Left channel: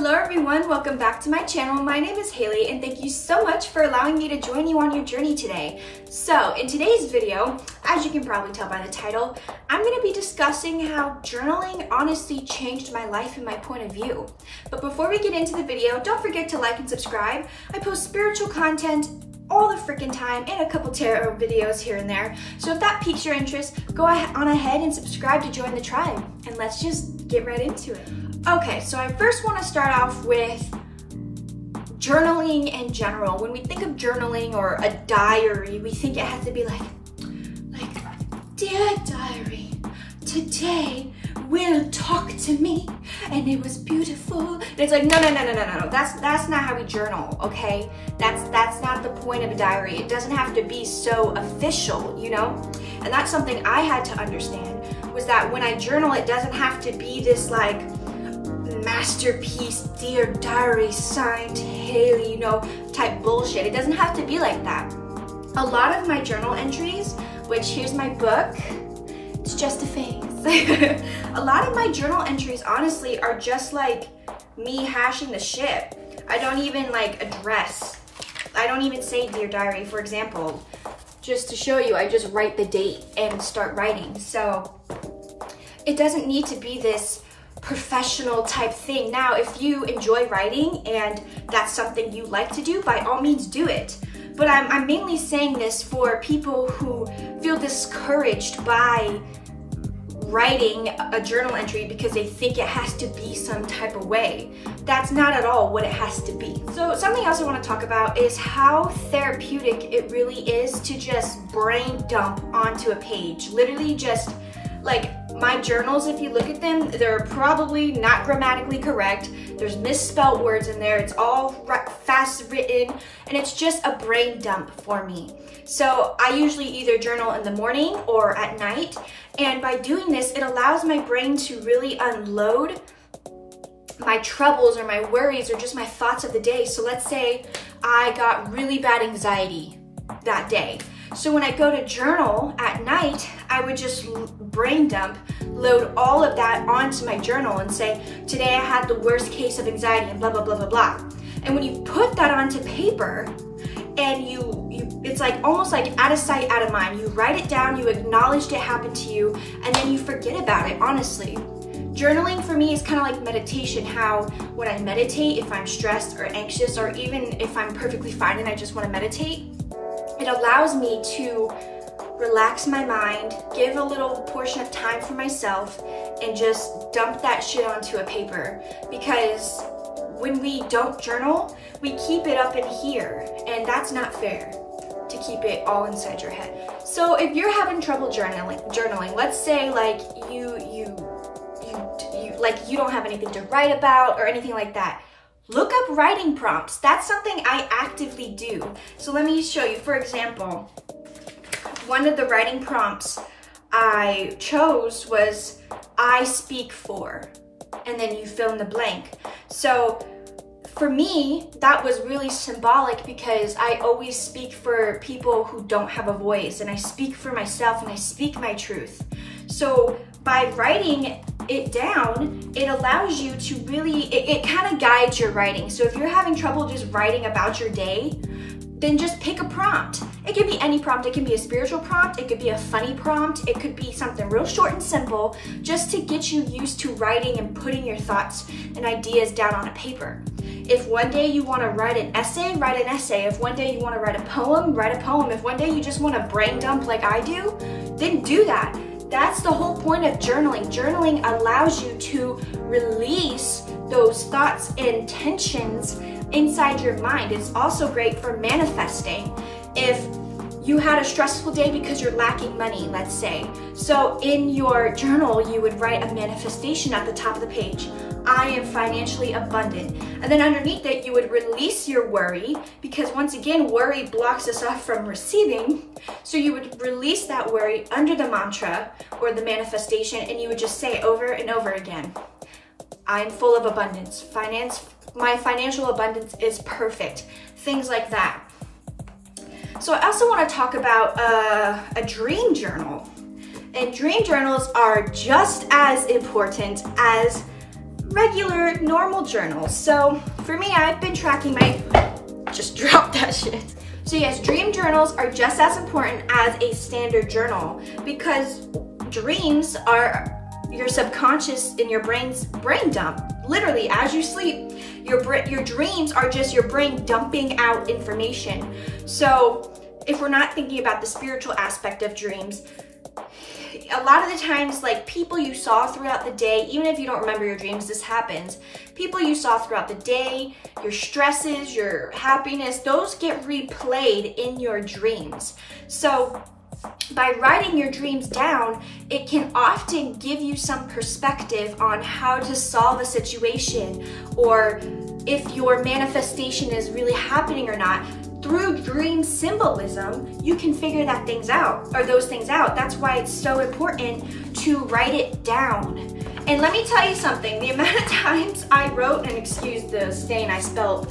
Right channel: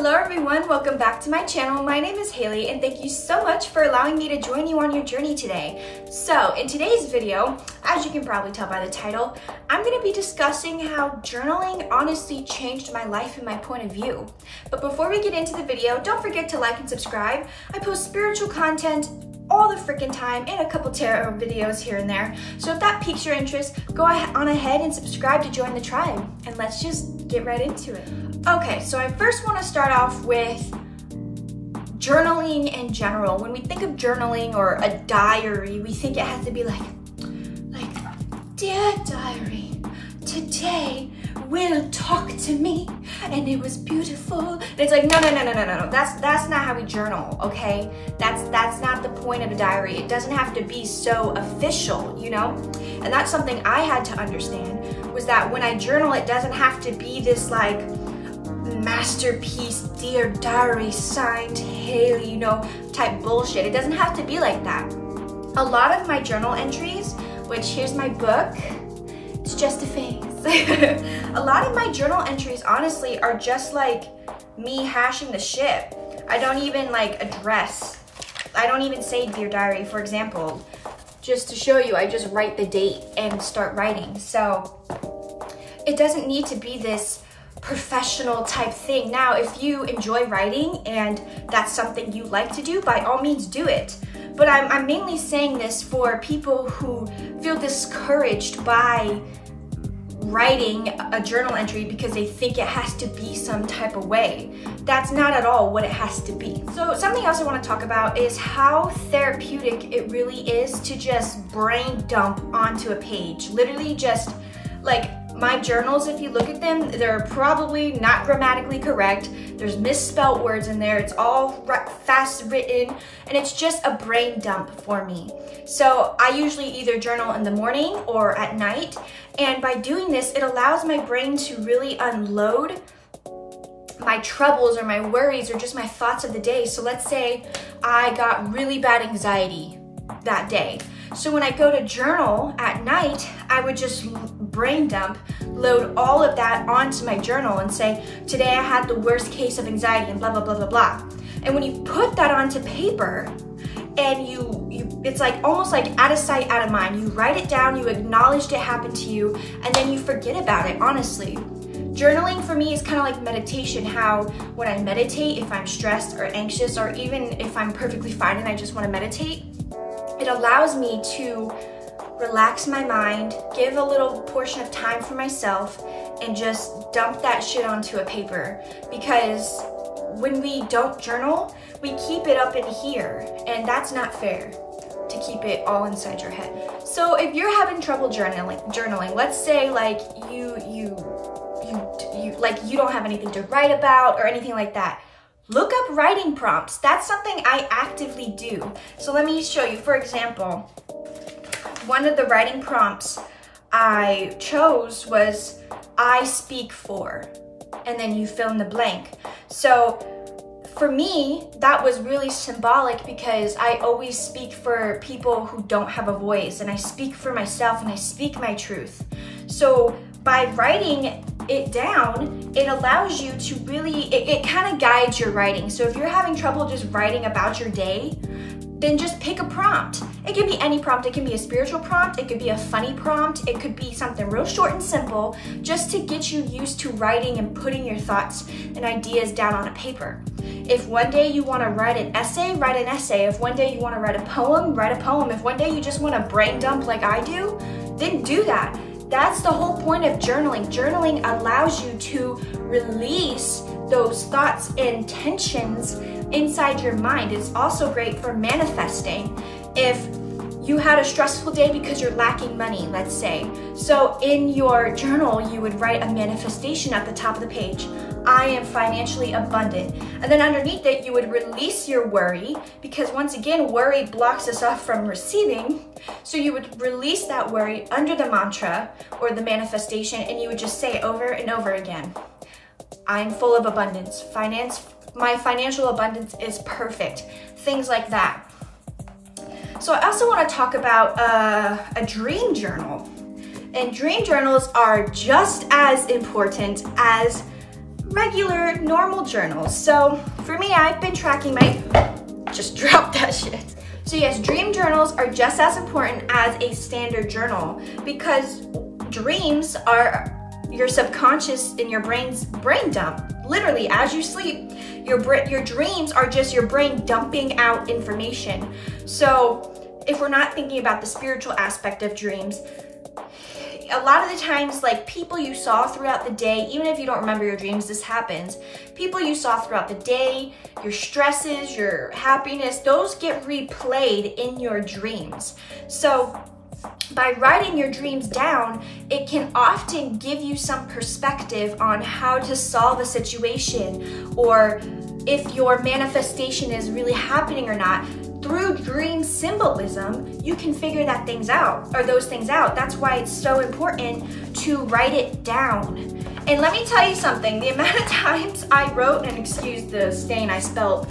Hello everyone, welcome back to my channel. My name is Hayley and thank you so much for allowing me to join you on your journey today. So in today's video, as you can probably tell by the title, I'm going to be discussing how journaling honestly changed my life and my point of view. But before we get into the video, don't forget to like and subscribe. I post spiritual content all the freaking time and a couple tarot videos here and there. So if that piques your interest, go on ahead and subscribe to join the tribe. And let's just get right into it. Okay, so I first want to start off with journaling in general. When we think of journaling or a diary, we think it has to be like, dear diary, today will talk to me and it was beautiful. And it's like, no. That's not how we journal, okay? That's not the point of a diary. It doesn't have to be so official, you know? And that's something I had to understand, was that when I journal, it doesn't have to be this like masterpiece, dear diary, signed Hayley, you know, type bullshit. It doesn't have to be like that. A lot of my journal entries, which here's my book, it's just a phase. A lot of my journal entries honestly are just like me hashing the shit. I don't even like address. I don't even say dear diary, for example. Just to show you, I just write the date and start writing. So it doesn't need to be this professional type thing. Now, if you enjoy writing and that's something you like to do, by all means do it. But I'm mainly saying this for people who feel discouraged by writing a journal entry because they think it has to be some type of way. That's not at all what it has to be. So something else I want to talk about is how therapeutic it really is to just brain dump onto a page. Literally just like my journals, if you look at them, they're probably not grammatically correct. There's misspelled words in there. It's all fast written and it's just a brain dump for me. So I usually either journal in the morning or at night. And by doing this, it allows my brain to really unload my troubles or my worries or just my thoughts of the day. So let's say I got really bad anxiety that day. So when I go to journal at night, I would just brain dump, load all of that onto my journal and say, today I had the worst case of anxiety and blah, blah, blah, blah, blah. And when you put that onto paper and it's like almost like out of sight, out of mind. You write it down, you acknowledged it happened to you, and then you forget about it, honestly. Journaling for me is kind of like meditation, how when I meditate, if I'm stressed or anxious, or even if I'm perfectly fine and I just want to meditate, it allows me to relax my mind, give a little portion of time for myself, and just dump that shit onto a paper. Because when we don't journal, we keep it up in here, and that's not fair to keep it all inside your head. So if you're having trouble journaling, let's say like you don't have anything to write about or anything like that, look up writing prompts. That's something I actively do. So let me show you. For example, one of the writing prompts I chose was I speak for, and then you fill in the blank. So for me, that was really symbolic because I always speak for people who don't have a voice, and I speak for myself and I speak my truth. So by writing it down, it allows you to really, it kind of guides your writing. So if you're having trouble just writing about your day, then just pick a prompt. It can be any prompt. It can be a spiritual prompt. It could be a funny prompt. It could be something real short and simple, just to get you used to writing and putting your thoughts and ideas down on a paper. If one day you want to write an essay, write an essay. If one day you want to write a poem, write a poem. If one day you just want to brain dump like I do, then do that. That's the whole point of journaling. Journaling allows you to release those thoughts and tensions inside your mind. It's also great for manifesting. If you had a stressful day because you're lacking money, let's say. So in your journal, you would write a manifestation at the top of the page. I am financially abundant. And then underneath it, you would release your worry, because once again, worry blocks us off from receiving. So you would release that worry under the mantra or the manifestation, and you would just say over and over again, I'm full of abundance. My financial abundance is perfect. Things like that. So I also want to talk about a dream journal. And dream journals are just as important as regular, normal journals. So for me, I've been tracking my, just dropped that shit. So yes, dream journals are just as important as a standard journal because dreams are your subconscious in your brain's brain dump. Literally, as you sleep, your dreams are just your brain dumping out information. So if we're not thinking about the spiritual aspect of dreams, a lot of the times, like people you saw throughout the day, even if you don't remember your dreams, this happens. People you saw throughout the day, your stresses, your happiness, those get replayed in your dreams. So by writing your dreams down, it can often give you some perspective on how to solve a situation or if your manifestation is really happening or not. Through dream symbolism, you can figure those things out. That's why it's so important to write it down. And let me tell you something, the amount of times I wrote, and excuse the stain, I spelled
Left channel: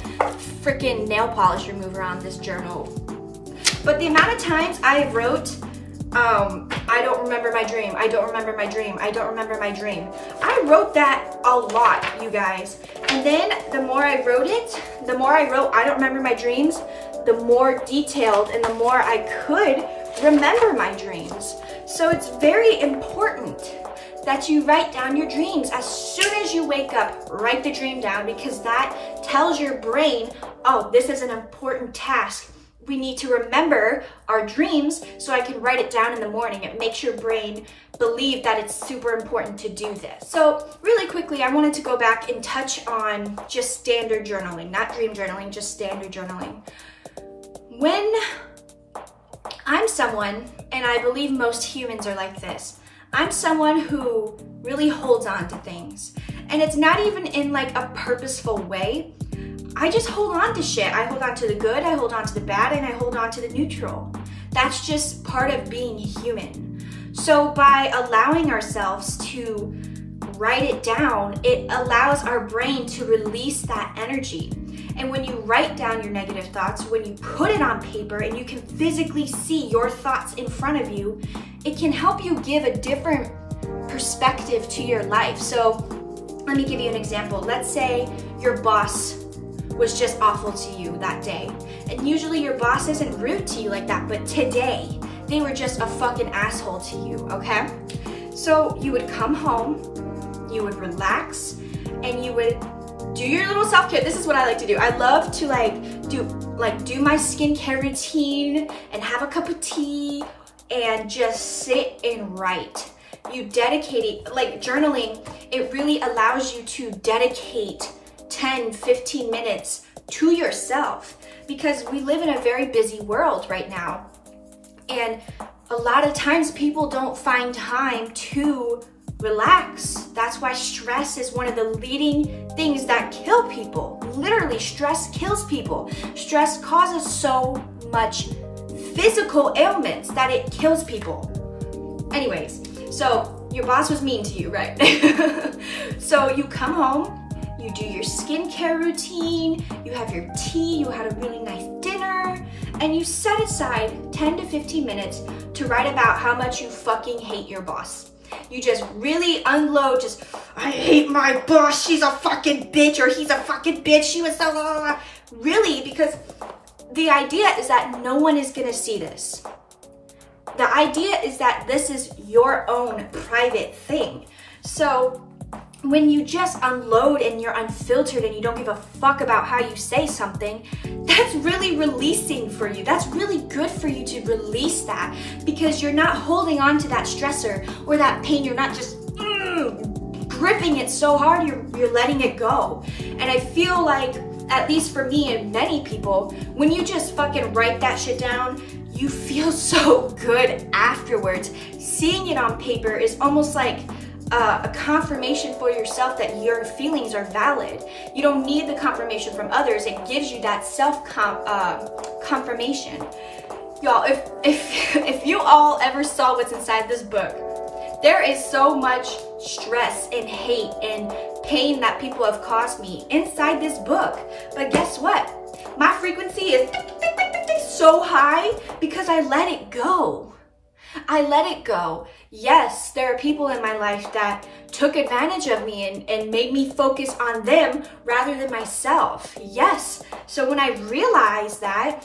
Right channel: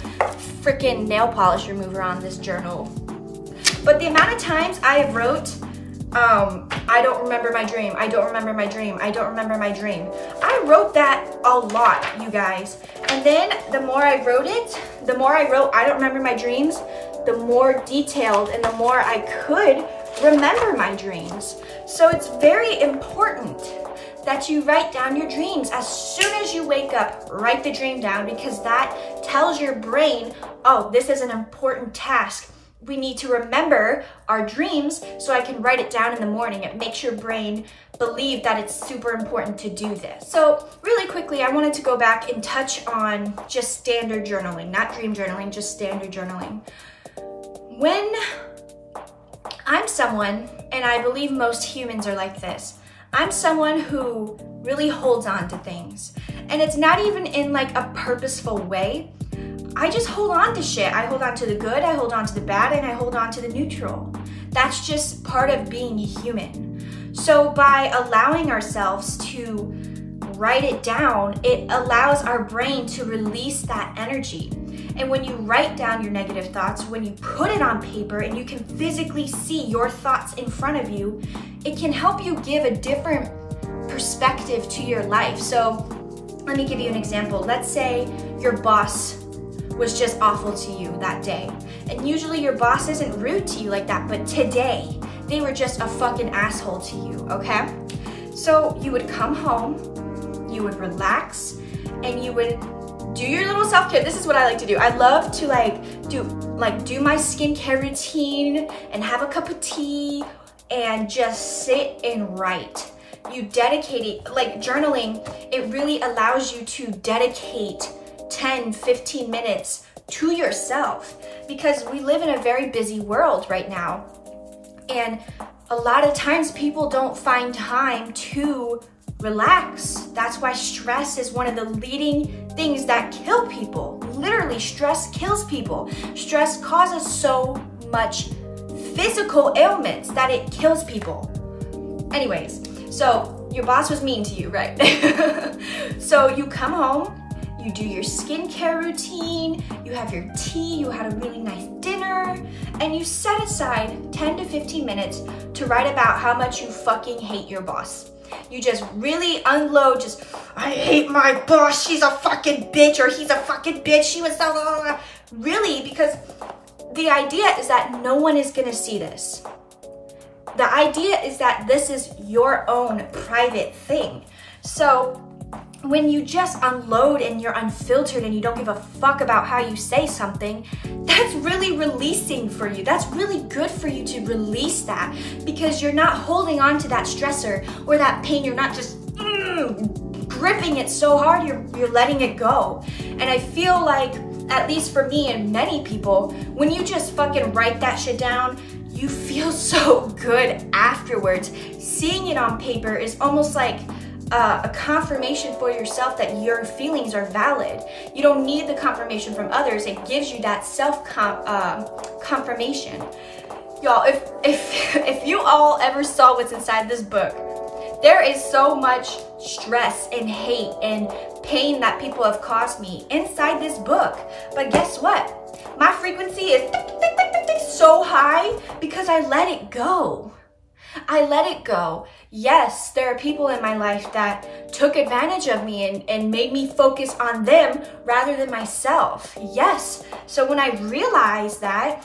freaking nail polish remover on this journal. But the amount of times I wrote, I don't remember my dream, I don't remember my dream, I don't remember my dream. I wrote that a lot, you guys. And then the more I wrote it, the more I wrote, I don't remember my dreams, the more detailed and the more I could remember my dreams. So it's very important that you write down your dreams. As soon as you wake up, write the dream down because that tells your brain, oh, this is an important task. We need to remember our dreams so I can write it down in the morning. It makes your brain believe that it's super important to do this. So really quickly, I wanted to go back and touch on just standard journaling, not dream journaling, just standard journaling. When I'm someone, and I believe most humans are like this, I'm someone who really holds on to things. And it's not even in like a purposeful way. I just hold on to shit. I hold on to the good, I hold on to the bad, and I hold on to the neutral. That's just part of being human. So by allowing ourselves to write it down, it allows our brain to release that energy. And when you write down your negative thoughts, when you put it on paper and you can physically see your thoughts in front of you, it can help you give a different perspective to your life. So let me give you an example. Let's say your boss was just awful to you that day. And usually your boss isn't rude to you like that, but today they were just a fucking asshole to you, okay? So you would come home, you would relax, and you would do your little self-care. This is what I like to do. I love to do my skincare routine and have a cup of tea and just sit and write. You dedicate it, like journaling, it really allows you to dedicate 10, 15 minutes to yourself because we live in a very busy world right now. And a lot of times people don't find time to relax. That's why stress is one of the leading things that kill people. Literally, stress kills people. Stress causes so much physical ailments that it kills people. Anyways, so your boss was mean to you, right? So you come home, you do your skincare routine, you have your tea, you had a really nice dinner, and you set aside 10 to 15 minutes to write about how much you fucking hate your boss. You just really unload, just, I hate my boss, she's a fucking bitch, or he's a fucking bitch, she was so, really, because the idea is that no one is gonna see this. The idea is that this is your own private thing. So when you just unload and you're unfiltered and you don't give a fuck about how you say something, that's really releasing for you. That's really good for you to release that because you're not holding on to that stressor or that pain. You're not just gripping it so hard, you're letting it go. And I feel like, at least for me and many people, when you just fucking write that shit down, you feel so good afterwards. Seeing it on paper is almost like a confirmation for yourself that your feelings are valid. You don't need the confirmation from others. It gives you that confirmation. Y'all, if you all ever saw what's inside this book, there is so much stress and hate and pain that people have caused me inside this book. But guess what? My frequency is so high because I let it go. I let it go. Yes, there are people in my life that took advantage of me and made me focus on them rather than myself. Yes. So when I realized that,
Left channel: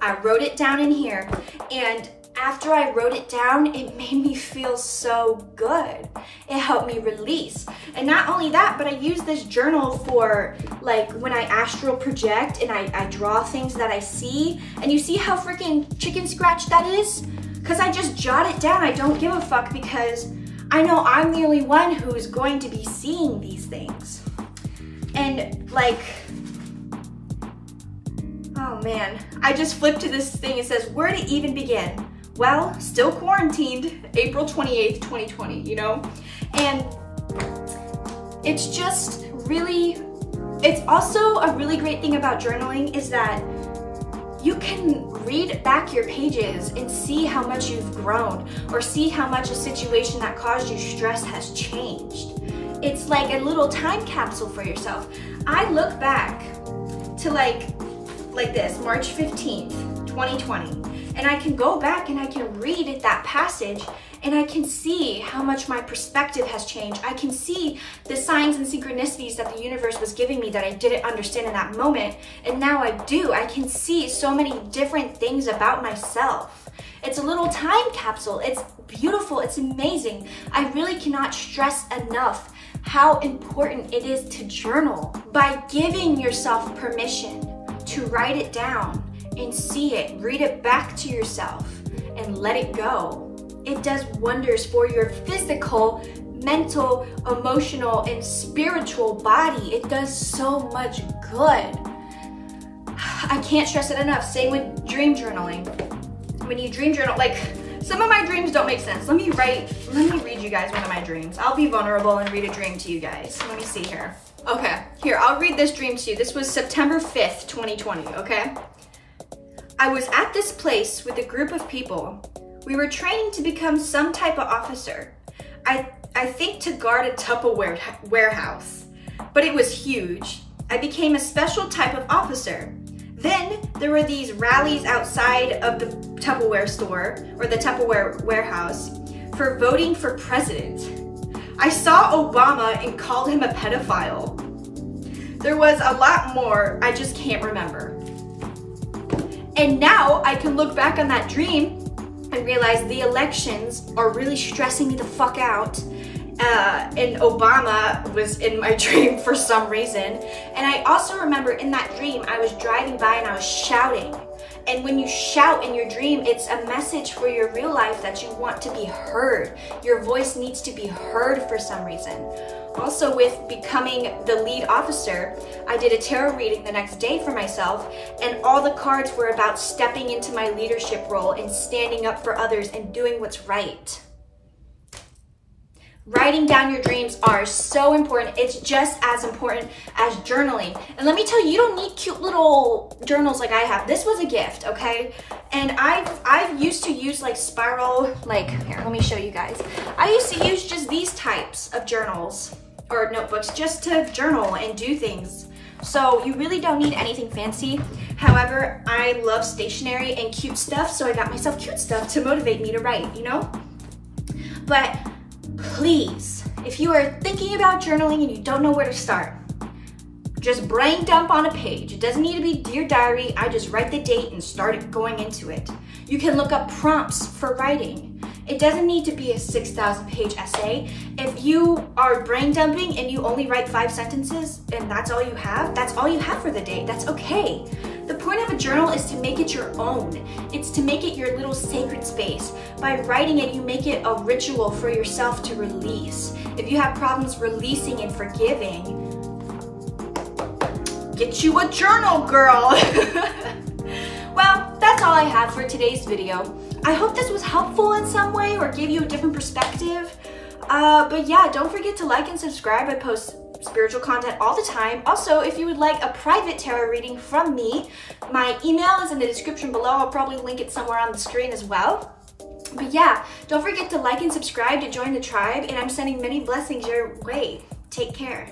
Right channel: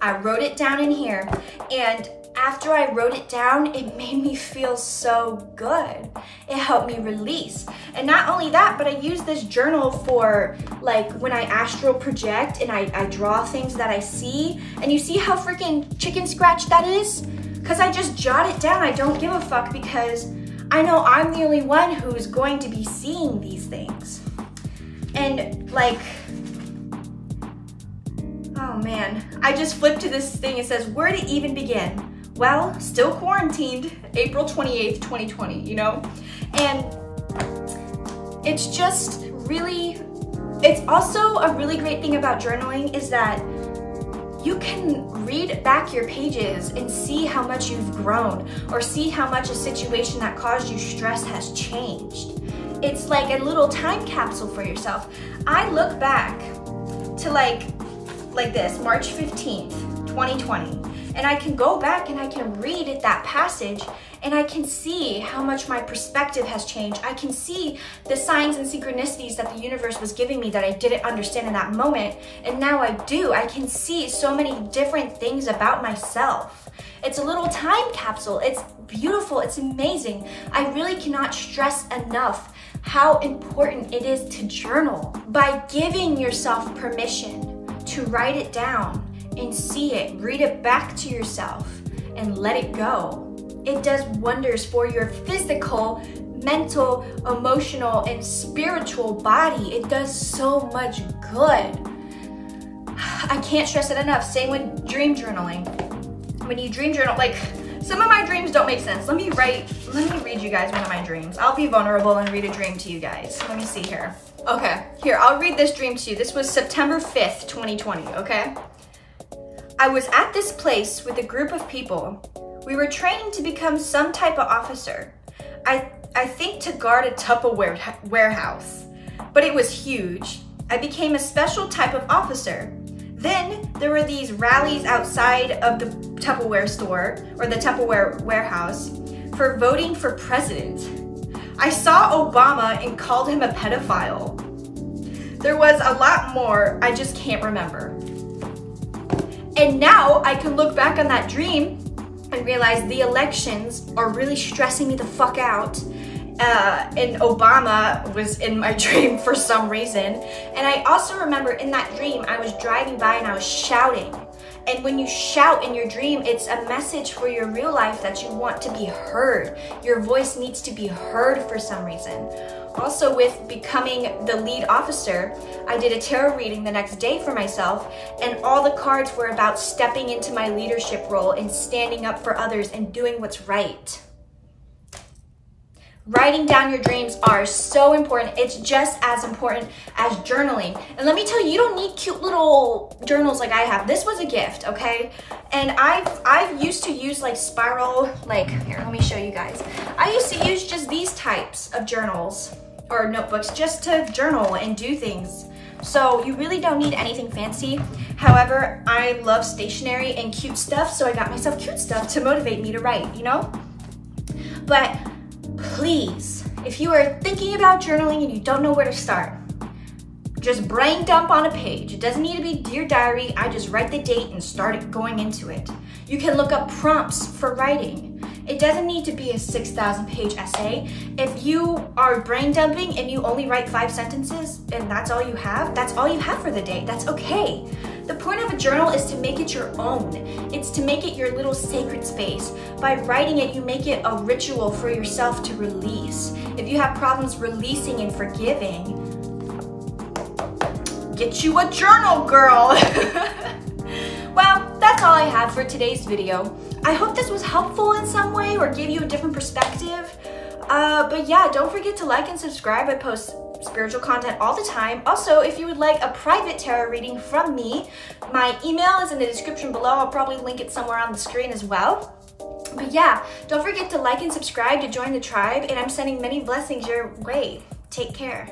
I wrote it down in here, and after I wrote it down, it made me feel so good. It helped me release. And not only that, but I use this journal for like when I astral project and I draw things that I see. And you see how freaking chicken scratch that is? Because I just jot it down. I don't give a fuck because I know I'm the only one who is going to be seeing these things. And like, oh man, I just flipped to this thing. It says, where to even begin? Well, still quarantined, April 28th, 2020, you know? And it's just really, it's also a really great thing about journaling is that you can read back your pages and see how much you've grown or see how much a situation that caused you stress has changed. It's like a little time capsule for yourself. I look back to like this, March 15th, 2020. And I can go back and I can read that passage and I can see how much my perspective has changed. I can see the signs and synchronicities that the universe was giving me that I didn't understand in that moment. And now I do. I can see so many different things about myself. It's a little time capsule. It's beautiful. It's amazing. I really cannot stress enough how important it is to journal. By giving yourself permission to write it down, and see it, read it back to yourself, and let it go. It does wonders for your physical, mental, emotional, and spiritual body. It does so much good. I can't stress it enough. Same with dream journaling. When you dream journal, like some of my dreams don't make sense. Let me read you guys one of my dreams. I'll be vulnerable and read a dream to you guys. Let me see here. Okay, here, I'll read this dream to you. This was September 5th, 2020, okay? I was at this place with a group of people. We were training to become some type of officer. I think to guard a Tupperware warehouse, but it was huge. I became a special type of officer. Then there were these rallies outside of the Tupperware store or the Tupperware warehouse for voting for president. I saw Obama and called him a pedophile. There was a lot more, I just can't remember. And now I can look back on that dream and realize the elections are really stressing me the fuck out. And Obama was in my dream for some reason. And I also remember in that dream, I was driving by and I was shouting. And when you shout in your dream, it's a message for your real life that you want to be heard. Your voice needs to be heard for some reason. Also, with becoming the lead officer, I did a tarot reading the next day for myself, and all the cards were about stepping into my leadership role and standing up for others and doing what's right. Writing down your dreams are so important. It's just as important as journaling. And let me tell you, you don't need cute little journals like I have. This was a gift, okay? And I've used to use like spiral, like, here, let me show you guys. I used to use just these types of journals or notebooks just to journal and do things. So you really don't need anything fancy. However, I love stationery and cute stuff, so I got myself cute stuff to motivate me to write, you know? But please, if you are thinking about journaling and you don't know where to start, just brain dump on a page. It doesn't need to be Dear Diary. I just write the date and start going into it. You can look up prompts for writing. It doesn't need to be a 6,000 page essay. If you are brain dumping and you only write 5 sentences and that's all you have for the day. That's okay. The point of a journal is to make it your own. It's to make it your little sacred space. By writing it, you make it a ritual for yourself to release. If you have problems releasing and forgiving, get you a journal, girl. Well, that's all I have for today's video. I hope this was helpful in some way or gave you a different perspective. But yeah, don't forget to like and subscribe. I post spiritual content all the time. Also, if you would like a private tarot reading from me, my email is in the description below. I'll probably link it somewhere on the screen as well. But yeah, don't forget to like and subscribe to join the tribe, and I'm sending many blessings your way. Take care.